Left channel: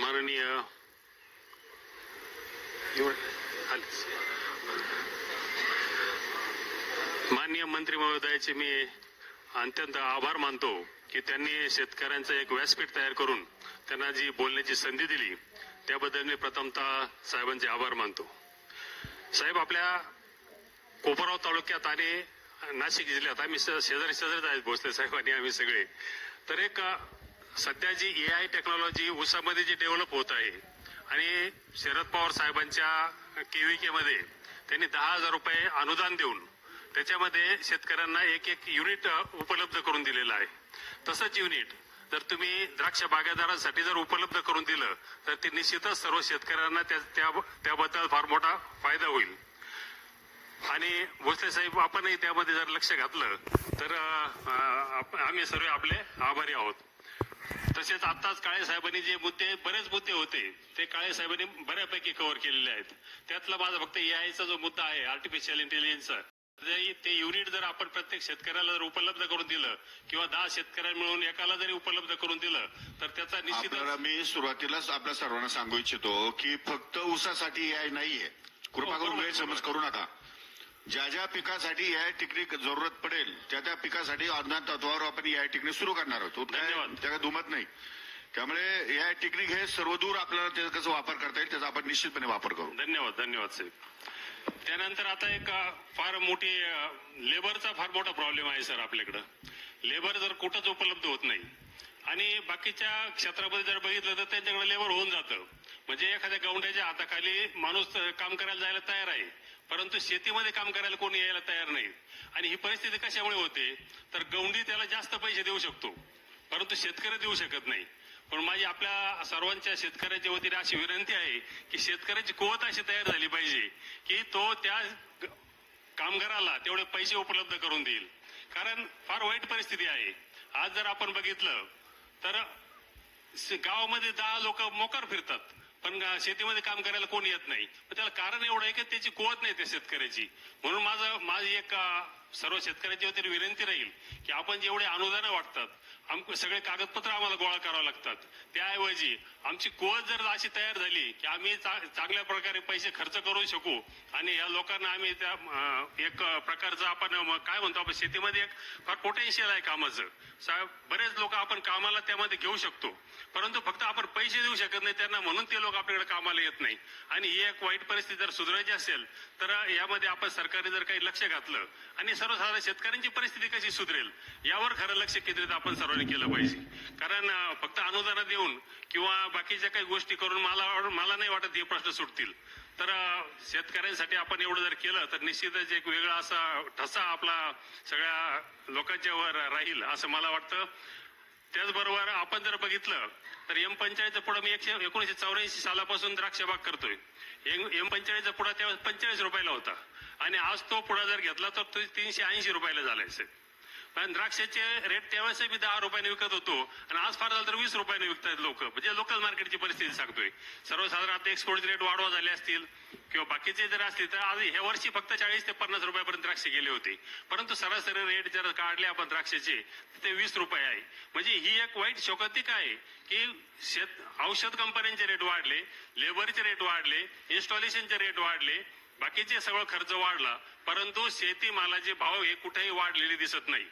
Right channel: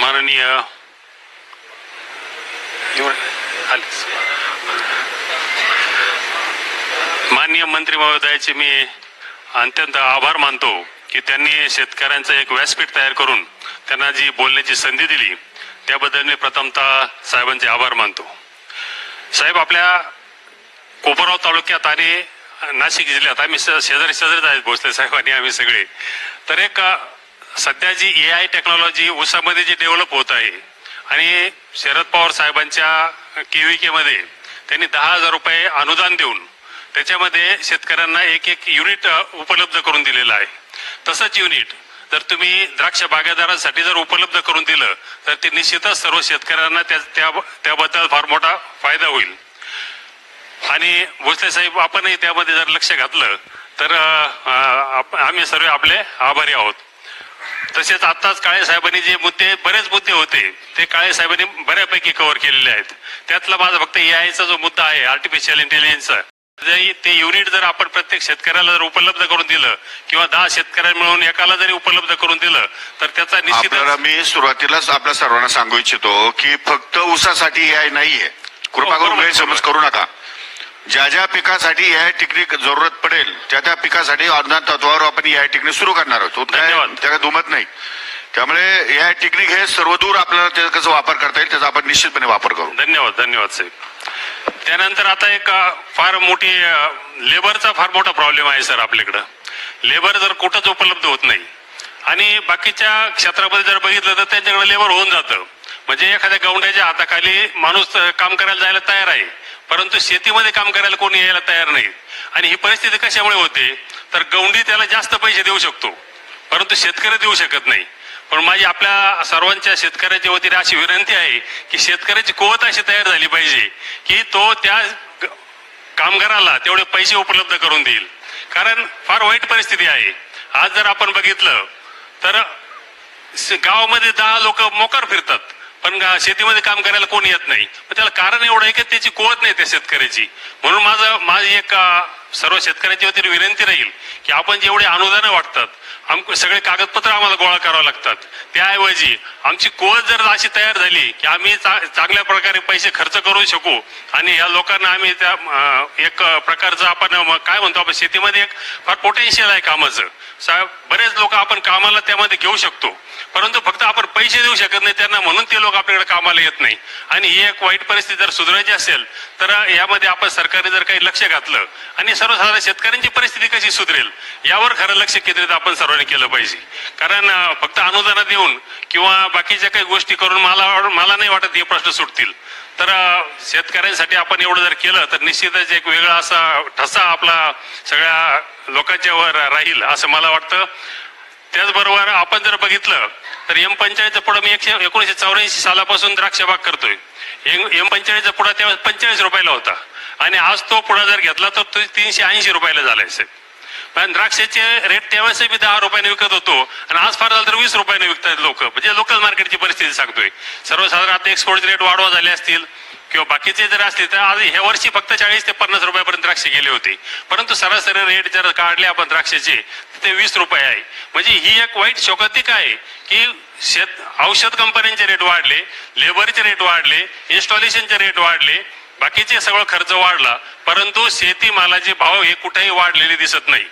माननीय माननीय मंत्री महोदयाचे मी अत्यंत आभार मानतो की त्यांनी शेतकऱ्यांचं एक व्यासपीठ तयार करून त्यांना जी बोलण्याची संधी दिली त्याबद्दल मी प्रथमतः साहेबांचे आभार मानतो. साहेब आपल्या कोपरगाव तालुक्यात आणि नाशिक जिल्ह्यात आम्ही शेजारी शेजारीच आहेत भोसले साहेब आणि आम्ही सगळे. तर एक सध्या जी ए आय टेक्नॉलॉजी ऊसामध्ये जी डेव्हलप होत आहे आणि शरद पवार साहेबांच्या केव्हीके त्यांनी दहा हजार रुपये अनुदान देऊन त्याच्यामध्ये शेतकऱ्यांना एक एक युनिट उपलब्ध करून दिलेलं आहे. तसंच युनिट जर तुम्ही द्राक्ष बागायतदारांसाठी जर उपलब्ध करून दिलं तर ते निश्चितच सर्व शेतकऱ्यांना त्या त्याबद्दल फार मोठा फायदा होईल. आणि भोसले साहेब आपणही त्यामध्ये जर लक्ष घातलं तर आप- आम्ही सर्व आपले आभारी आहोत. तसेच आत्ताच काळे साहेबांनी जे मुद्दे बरेच मुद्दे होते ते काळे साहेबांनी बऱ्यापैकी कव्हर केलेले आहेत. त्यातला माझा फक्त एआयचा जो मुद्दा आहे आर्टिफिशियल इंटेलिजन्सचा ते युनिट जर आपण प्रत्येक शेतकऱ्याला जर उपलब्ध करून दिलं किंवा दहा शेतकऱ्यांना मिळून एकाला जरी उपलब्ध करून दिलं तर त्याचा आपल्याला मी सुरुवातीलाच आपल्या सर्वांना सांगू इच्छितो की फक्त ऊसासाठी ए आय नाहीये. कृपा हो, करून बरोबर, गैरसमज करू नका. ज्या ज्या पिकासाठी आय टेक्निक जरूरत पडेल त्या त्या पिकासाठी अनुदान तत्वावर आपण आय टेक्निक सुरू करणार आहोत. तो काय धन्यवाद. त्या काय दुमत नाही. त्यामुळे आय टेक्निक हे सर्वदूर आपल्याला त्याचा कसं वापर करता येईल त्याचा आपण निश्चितपणे वापर करू. धन्यवाद धन्यवाद साहेब. त्यानंतर आता एक फार मोठी लेबरचा फार मोठा प्रॉब्लेम आहे सर आपल्याकडं. लेबर जर कुठंच उपलब्ध होत नाही आणि बाकीच्या क्षेत्रामध्ये जर बघितलं तर त्यांच्याकडे लेबर होऊन जातं. म्हणजे एखाद्या गौंड्याच्या हाताखाली माणूस काम करायला जायला तयार आहे. परंतु शेतीमध्ये काम करायला कोणी यायला तयार नाही. आणि ही परिस्थिती कशामुळे होते? तर गौंडी त्याला जास्त पैसे देऊ शकतो. परंतु शेतकरी देऊ शकत नाही. पण माझी आपल्या सर्वांच्या शेतकऱ्याच्या वतीने अशी विनंती आहे की शेतकऱ्याची कुवत अशी तयार झाली पाहिजे की तो त्या कामगाराला तेवढे पैसे उपलब्ध करून देईल. कारण फार वाईट परिस्थिती आहे. आज जर आपण बघितलं तर गावामध्ये दहा लोक मोकार फिरतात. पण शेतीमध्ये काम करायला कोणी येत नाही. पण त्याला कारण एवढं आहे की त्याची कुवत नाही त्या शेतकऱ्याची. म्हणून माझं माझी एक सर्व शेतकऱ्यांची वतीने विनंती राहील की आपण जेवढे अनुदानं वाटतात आम सगळे कागदपत्र आम्हाला गोळा करावं लागतात. त्याऐवजी आमची कोच जर अशी तयार झाली की आम्ही चांगल्या प्रकारे पैसे खर्च करू शकू आणि या लोकांना आम्ही त्या एक प्रकारचं आपण काय म्हणतो आपण शेतीमध्ये एक फार पोटेन्शियल आहे कामाचं. साहेब बरेच लोक आपण कामाला त्यामध्ये घेऊ शकतो. परंतु फक्त आपण पैसे देऊ शकत नाही त्यांना म्हणून ते लोक आपल्याकडे कामाला येत नाही. आणि ही एक वाईट परिस्थिती जर सुधारायची असेल तर यामध्ये आपण सरकारने जर काही लक्ष घातलं आणि सर्वसाधारण शेतकऱ्यांची परिस्थिती कशी सुधरेल यावर खरं लक्ष केंद्रित आपण सर्वांनी केलं पाहिजे. कारण फक्त अनुदान देऊन किंवा बाकीच्या काही गोष्टी करून मला मला नाही वाटत हे प्रश्न सुटतील. तर शेतकऱ्यांसाठी आपण एवढं जर केलं तर निश्चितच एक वेगळा असा ठसा आपला सगळ्या लोकांच्या वर राहील असं मला वाटतं. त्याचबरोबर आपण जर बघितलं तर एम पंचाळीसचा पुढं मी एकशे एकोणीशे चौऱ्याऐंशी सालापासून द्राक्ष बाग करतोय. एम एम पुढा त्यावेळेस पंचेचाळीस रुपयाला होता. आणि आज तो पुढा जर घेतला तर तो तीनशे ऐंशी रुपयाला झालाय साहेब. पण द्राक्षाचे रेट त्यावेळेस मी दहा रुपयाने विकत होतो आणि आज फार झालं तर वीस रुपयाने विकतात लोक. म्हणजे लोकल मार्केटची परिस्थिती सांगतोय. सर्वसाधारण आता एक्सपोर्ट रेट वाढवा झाले असतील किंवा बाकीचे जर असले तर आज ह्या वर्षी फक्त चाळीस ते पन्नास रुपयापर्यंत द्राक्ष गेले होते. परंतु सरासरी रेट जर काढले आपण द्राक्षाचे तर ते वीस रुपये आहे. म्हणजे ही एक वाईट शोकातिक आहे की शेत औषध कंपन्यांचे रेट वाढले लेबरचे रेट वाढले इन्स्टॉलेशनचे रेट वाढले बाकीचे सगळं खर्च वाढला परंतु शेतीमालाचे भाव हे कुठेही वाढलेले दिसत नाही.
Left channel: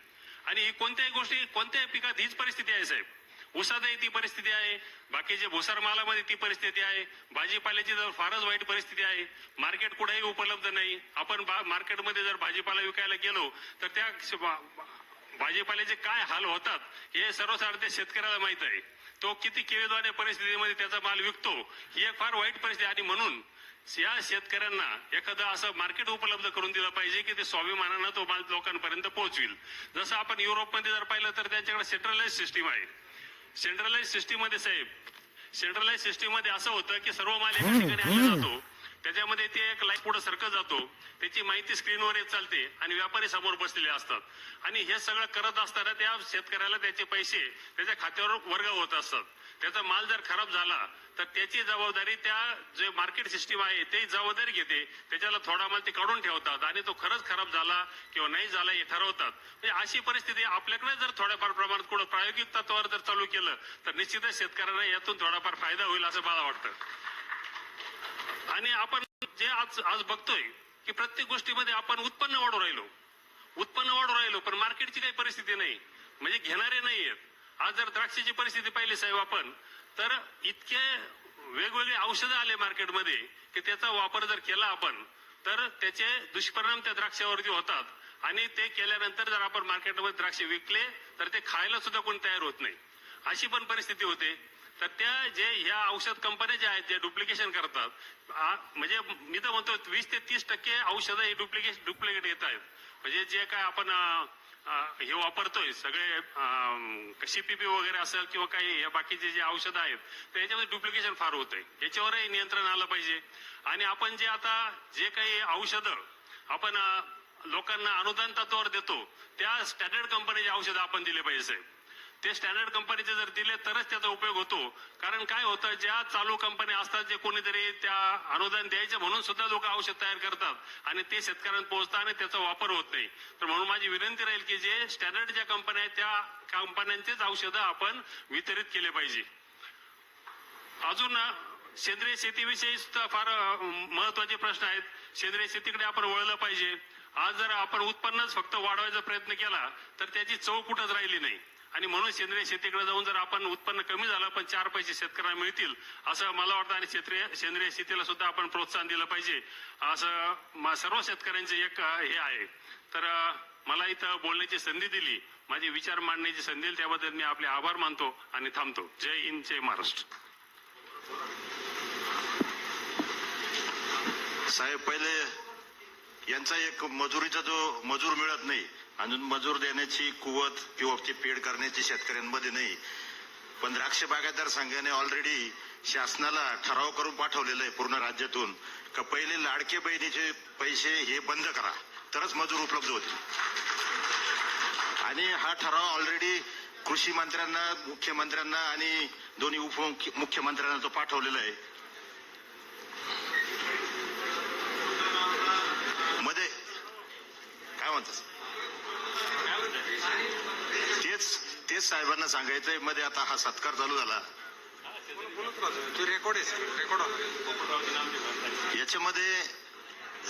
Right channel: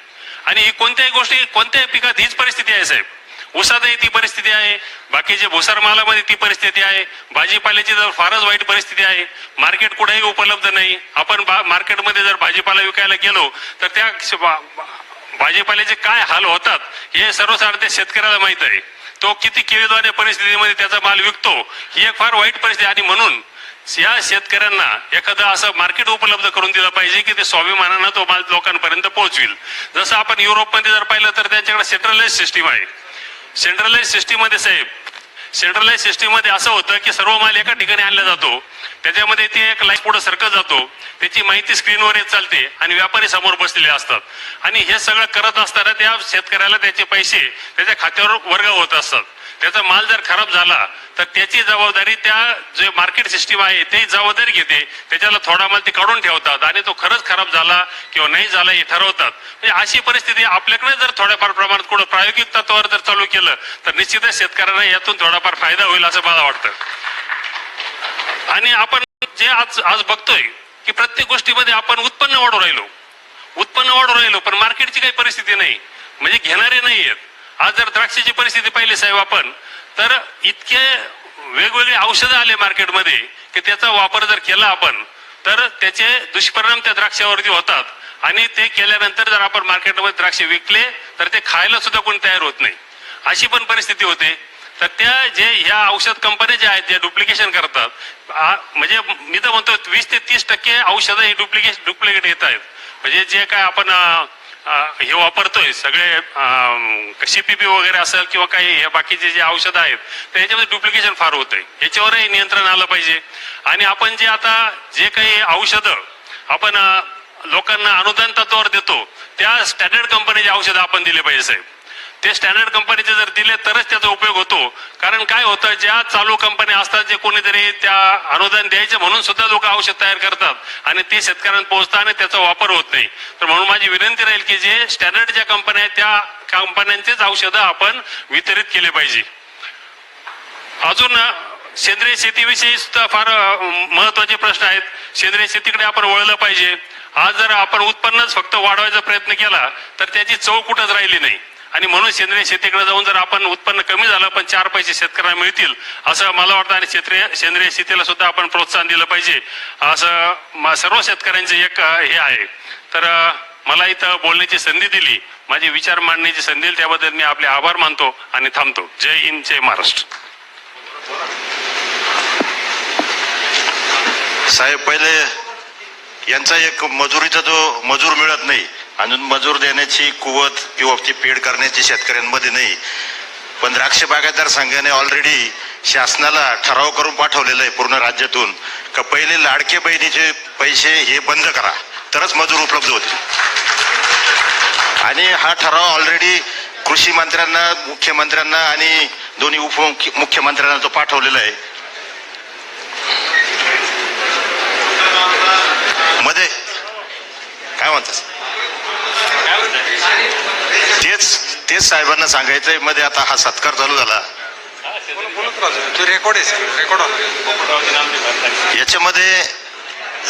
आणि ही कोणत्याही गोष्टी कोणत्याही पिकात हीच परिस्थिती आहे साहेब. ऊसातही ती परिस्थिती आहे बाकीचे भुसार मालामध्ये ती परिस्थिती आहे भाजीपाल्याची तर फारच वाईट परिस्थिती आहे मार्केट कुठेही उपलब्ध नाही. आपण बा- मार्केटमध्ये जर भाजीपाला विकायला गेलो तर त्या बा- भाजीपाल्याचे काय हाल होतात हे सर्वसाधारण शेतकऱ्याला माहीत आहे. तो किती किळीद्वारे परिस्थितीमध्ये त्याचा माल विकतो ही एक फार वाईट परिस्थिती आणि म्हणून या शेतकऱ्यांना एखादं असं मार्केट उपलब्ध करून दिलं पाहिजे की ते स्वाभिमानानं तो माल लोकांपर्यंत पोहोचविल. जसं आपण युरोपमध्ये जर पाहिलं तर त्यांच्याकडे सेंट्रलाइज सिस्टीम आहे. सेंट्रलाइज सिस्टीममध्ये साहेब सेंट्रलाइज सिस्टीममध्ये असं होतं की सर्व माल एका ठिकाणी आणला जातो. त्याच्यामध्ये ते एक लाईफ पुढे सरकत जातो. त्याची माहिती स्क्रीनवर येत चालते आणि व्यापारी समोर बसलेले असतात. आणि हे सगळं करत असताना त्या शेतकऱ्याला त्याचे पैसे त्याच्या खात्यावर वर्ग होत असतात. त्याचा माल जर खराब झाला तर त्याची जबाबदारी त्या जे मार्केट सिस्टीम आहे ते जबाबदारी घेते. त्याच्याला थोडा माल ते काढून ठेवतात आणि तो खरंच खराब झाला किंवा नाही झाला हे ठरवतात. म्हणजे अशी परिस्थिती आपल्याकडे जर थोड्याफार प्रमाणात कुठं प्रायोगिक तत्वावर जर चालू केलं तर निश्चितच शेतकऱ्यांना यातून थोडाफार फायदा होईल असं मला वाटतं. आणि आपण जे आज आज बघतोय की प्रत्येक गोष्टीमध्ये आपण उत्पन्न वाढू राहिलो. उत्पन्न वाढू राहिलो पण मार्केटची काही परिस्थिती नाही. म्हणजे घेणारे नाही आहेत आज जर द्राक्षाची परिस्थिती पाहिली साहेब आपण तर इतके वेगवेगळे औषधं आले मार्केटमध्ये की त्याचा वापर जर केला आपण तर त्याचे दुष्परिणाम त्या द्राक्षावरती होतात. आणि ते केल्यानंतर जर आपण मार्केटमध्ये द्राक्षे विकले तर ते खायला सुद्धा कोणी तयार होत नाही. अशी पण परिस्थिती होते. तर त्या जे ह्या औषध कंपन्या ज्या आहेत ज्या डुप्लिकेशन करतात म्हणजे मी तर म्हणतो वीस ते तीस टक्के औषधं ही डुप्लिकेट डुप्लिकेट येत आहेत. म्हणजे जे काय आपण हे वापरतोय सगळे सीपीपी वगैरे असेल किंवा काही हे बाकीचे जे औषधं आहेत तर याच्यामध्ये डुप्लिकेशन फार होत आहे याच्यावरही नियंत्रण आलं पाहिजे. आणि आपण जे आता जे काही औषधं आपण लोकांना अनुदान तत्वावर देतो त्या स्टँडर्ड कंपनीचे औषधं आपण दिले पाहिजे साहेब. ते स्टँडर्ड कंपनीचे जर दिले तरच त्याचा उपयोग होतो. कारण काय होतं ज्या चालू कंपन्या असतात जे कोणीतरी त्या अनुदान द्यायचे म्हणून सुद्धा लोक औषध तयार करतात. आणि ते शेतकऱ्यांना पोहोचतात आणि त्याचा वापर होत नाही. तर म्हणून माझी विनंती राहील की जे स्टँडर्ड ज्या कंपन्या आहेत त्या कंपन्यांचेच औषधं आपण वितरित केले पाहिजे. अजून सेंद्रिय शेतीविषयी सुद्धा फार महत्त्वाचे प्रश्न आहेत. सेंद्रिय शेतीकडे आपण वळलं पाहिजे. आज जर आपण उत्पन्नच फक्त वाढवायचा प्रयत्न केला तर त्याची चव कुठंच राहिली नाही. आणि म्हणून सेंद्रिय शेतीकडे जाऊन जर आपण उत्पन्न कमी झालं पण चार पैसे शेतकऱ्यांना मिळतील असं मला वाटतं आणि क्षेत्रीय सेंद्रिय शेतीला सुद्धा आपण प्रोत्साहन दिलं पाहिजे. असं सर्व शेतकऱ्यांचे एक हे आहे. तर मला इथं बोलण्याची संधी दिली. माझे विचार मांडण्याची संधी दिली. त्याबद्दल मी आपले आभार मानतो आणि थांबतो. जय हिंद जय महाराष्ट्र. साहेब पहिले यांचा एक मजुरीचा जो मजूर मिळत नाही अजून मजूर देण्याची कुवत किंवा ती पेड करण्याची शेतकऱ्यांमध्ये नाही. पण द्राक्ष बागायतदार संघाने ऑलरेडी शासनाला ठराव करून पाठवलेला आहे पूर्ण राज्यातून का पहिले लाडके बहिणीचे पैसे हे बंद करा तरच मजूर उपलब्ध होतील. आणि हा ठराव ऑलरेडी कृषी मंत्र्यांना मुख्यमंत्र्यांना आणि दोन्ही उपमुख्यमंत्र्यांना तो पाठवलेला आहे मध्ये काय म्हणतात तेच तेच साहेबांना सांगायचंयमध्ये आता हा सत्कार चालू झाला. याच्यामध्ये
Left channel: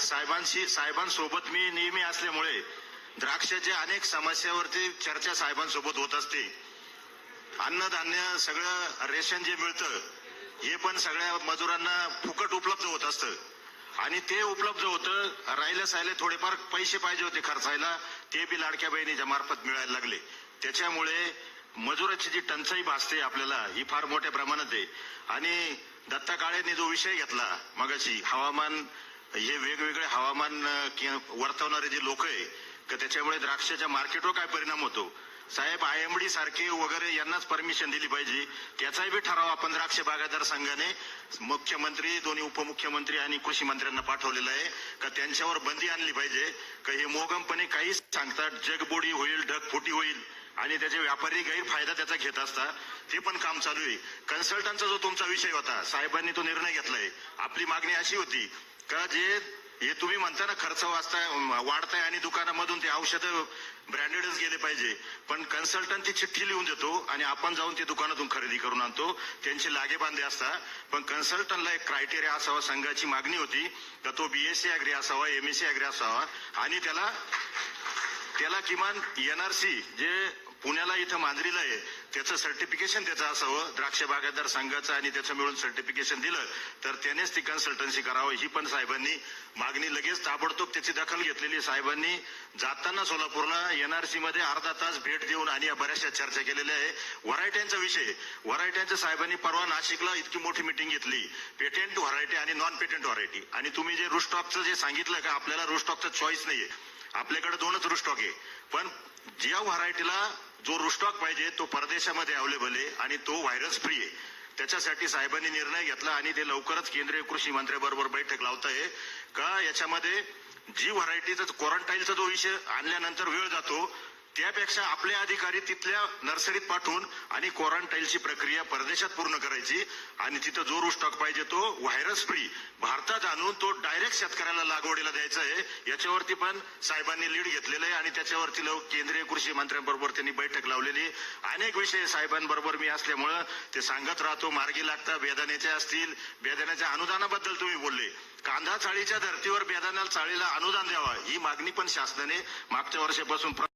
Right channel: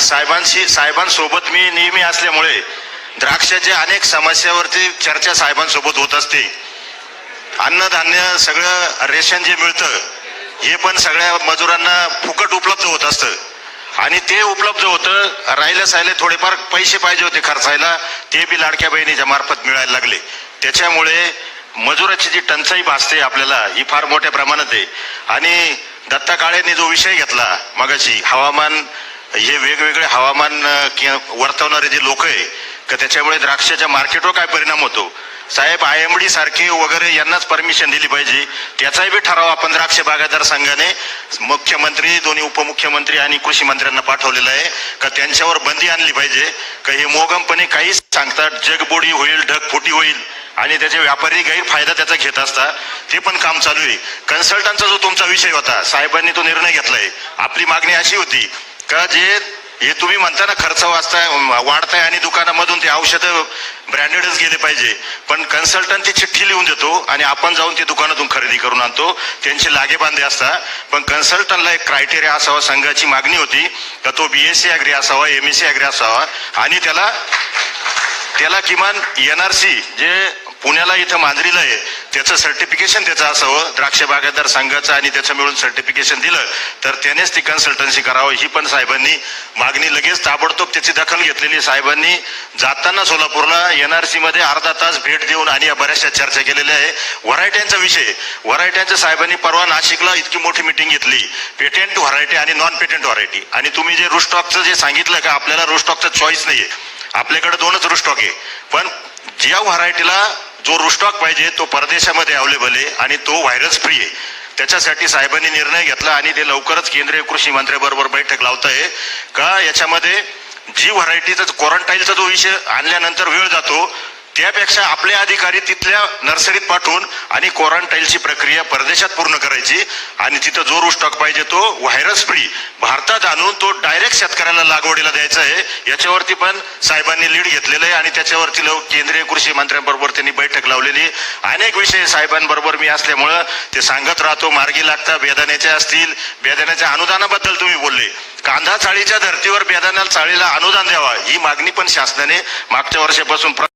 साहेबांशी साहेबांसोबत मी नेहमी असल्यामुळे द्राक्षाच्या अनेक समस्यावरती चर्चा साहेबांसोबत होत असते. अन्नधान्य सगळं रेशन जे मिळतं हे पण सगळ्या मजुरांना फुकट उपलब्ध होत असतं. आणि ते उपलब्ध होतं राहिले सायले थोडेफार पैसे पाहिजे होते खर्चायला ते बी लाडक्या बहिणीच्या मार्फत मिळायला लागले. त्याच्यामुळे मजुराची जी टंचाई भासते आपल्याला ही फार मोठ्या प्रमाणात आहे. आणि दत्ता काळेने जो विषय घेतला मगाशी हवामान हे वेगवेगळे हवामान वर्तवणारे जे लोक आहे का त्याच्यामुळे द्राक्षाच्या मार्केटवर काय परिणाम होतो? साहेब आय एम डी सारखे वगैरे यांनाच परमिशन दिली पाहिजे. त्याचाही बी ठराव आपण द्राक्ष बागायतदार संघाने मुख्यमंत्री दोन्ही उपमुख्यमंत्री आणि कृषी मंत्र्यांना पाठवलेला आहे का त्यांच्यावर बंदी आणली पाहिजे. का हे मोगमपणे काहीच सांगतात जगबोडी होईल ढगफुटी होईल. आणि त्याचे व्यापारी गैरफायदा त्याचा घेत असतात ते पण काम चालू आहे. कन्सल्टंटचा जो तुमचा विषय होता साहेबांनी तो निर्णय घेतलाय. आपली मागणी अशी होती का जे हे तुम्ही म्हणता ना खर्च वाचताय वाढताय आणि दुकानामधून ते औषधं ब्रँडेडच गेले पाहिजे. पण कन्सल्टंट ती चिठ्ठी लिहून देतो आणि आपण जाऊन ते दुकानातून खरेदी करून आणतो. त्यांचे लागेबांधे असतात पण कन्सल्टंटला एक क्रायटेरिया असावा संघाची मागणी होती का तो बी एस सी ॲग्री असावा एम एस सी ॲग्री असावा आणि त्याला त्याला किमान एन आर सी जे पुण्याला इथं मांजरीला आहे. त्याचं सर्टिफिकेशन त्याचं असावं. द्राक्ष बागायतदार संघाचं आणि त्याचं मिळून सर्टिफिकेशन दिलं तर त्यानेच ती कन्सल्टन्सी करावं. ही पण साहेबांनी मागणी लगेच ताबडतोब त्याची दखल घेतलेली साहेबांनी जाताना सोलापूरला एन आर सीमध्ये अर्धा तास भेट देऊन आणि या बऱ्याचशा चर्चा केलेल्या आहे. व्हरायट्यांचा विषय. व्हरायट्यांच्या साहेबांनी परवा नाशिकला इतकी मोठी मिटिंग घेतली. पेटेंट व्हरायटी आणि नॉन पेटेंट व्हरायटी आणि तुम्ही जे रुस्टॉकचं जे सांगितलं का आपल्याला रुस्टॉकचं चॉईस नाही आहे आपल्याकडे दोनच रुस्टॉक आहे. पण ज्या व्हरायटीला जो रुस्टॉक पाहिजे तो परदेशामध्ये अवेलेबल आहे आणि तो व्हायरस फ्री आहे. त्याच्यासाठी साहेबांनी निर्णय घेतला आणि ते लवकरच केंद्रीय कृषी मंत्र्याबरोबर बैठक लावत आहे का याच्यामध्ये जी व्हरायटीचा क्वारंटाईनचा जो विषय आणल्यानंतर वेळ जातो त्यापेक्षा आपले अधिकारी तिथल्या नर्सरीत पाठवून आणि क्वारंटाईनची प्रक्रिया परदेशात पूर्ण करायची आणि तिथं जो रूस स्टॉक पाहिजे तो व्हायरस फ्री भारतात आणून तो डायरेक्ट शेतकऱ्याला लागवडीला द्यायचा आहे. याच्यावरती पण साहेबांनी लीड घेतलेलं आहे आणि त्याच्यावरती लोक केंद्रीय कृषी मंत्र्यांबरोबर त्यांनी बैठक लावलेली. अनेक विषय साहेबांबरोबर मी असल्यामुळं ते सांगत राहतो. मार्गी लागता बेदाण्याचे असतील बेदाण्याच्या अनुदानाबद्दल तुम्ही बोलले. कांदा चाळीच्या धर्तीवर बेदाण्याला चाळीला अनुदान द्यावा ही मागणी पण शासनाने मागच्या वर्षापासून प्र-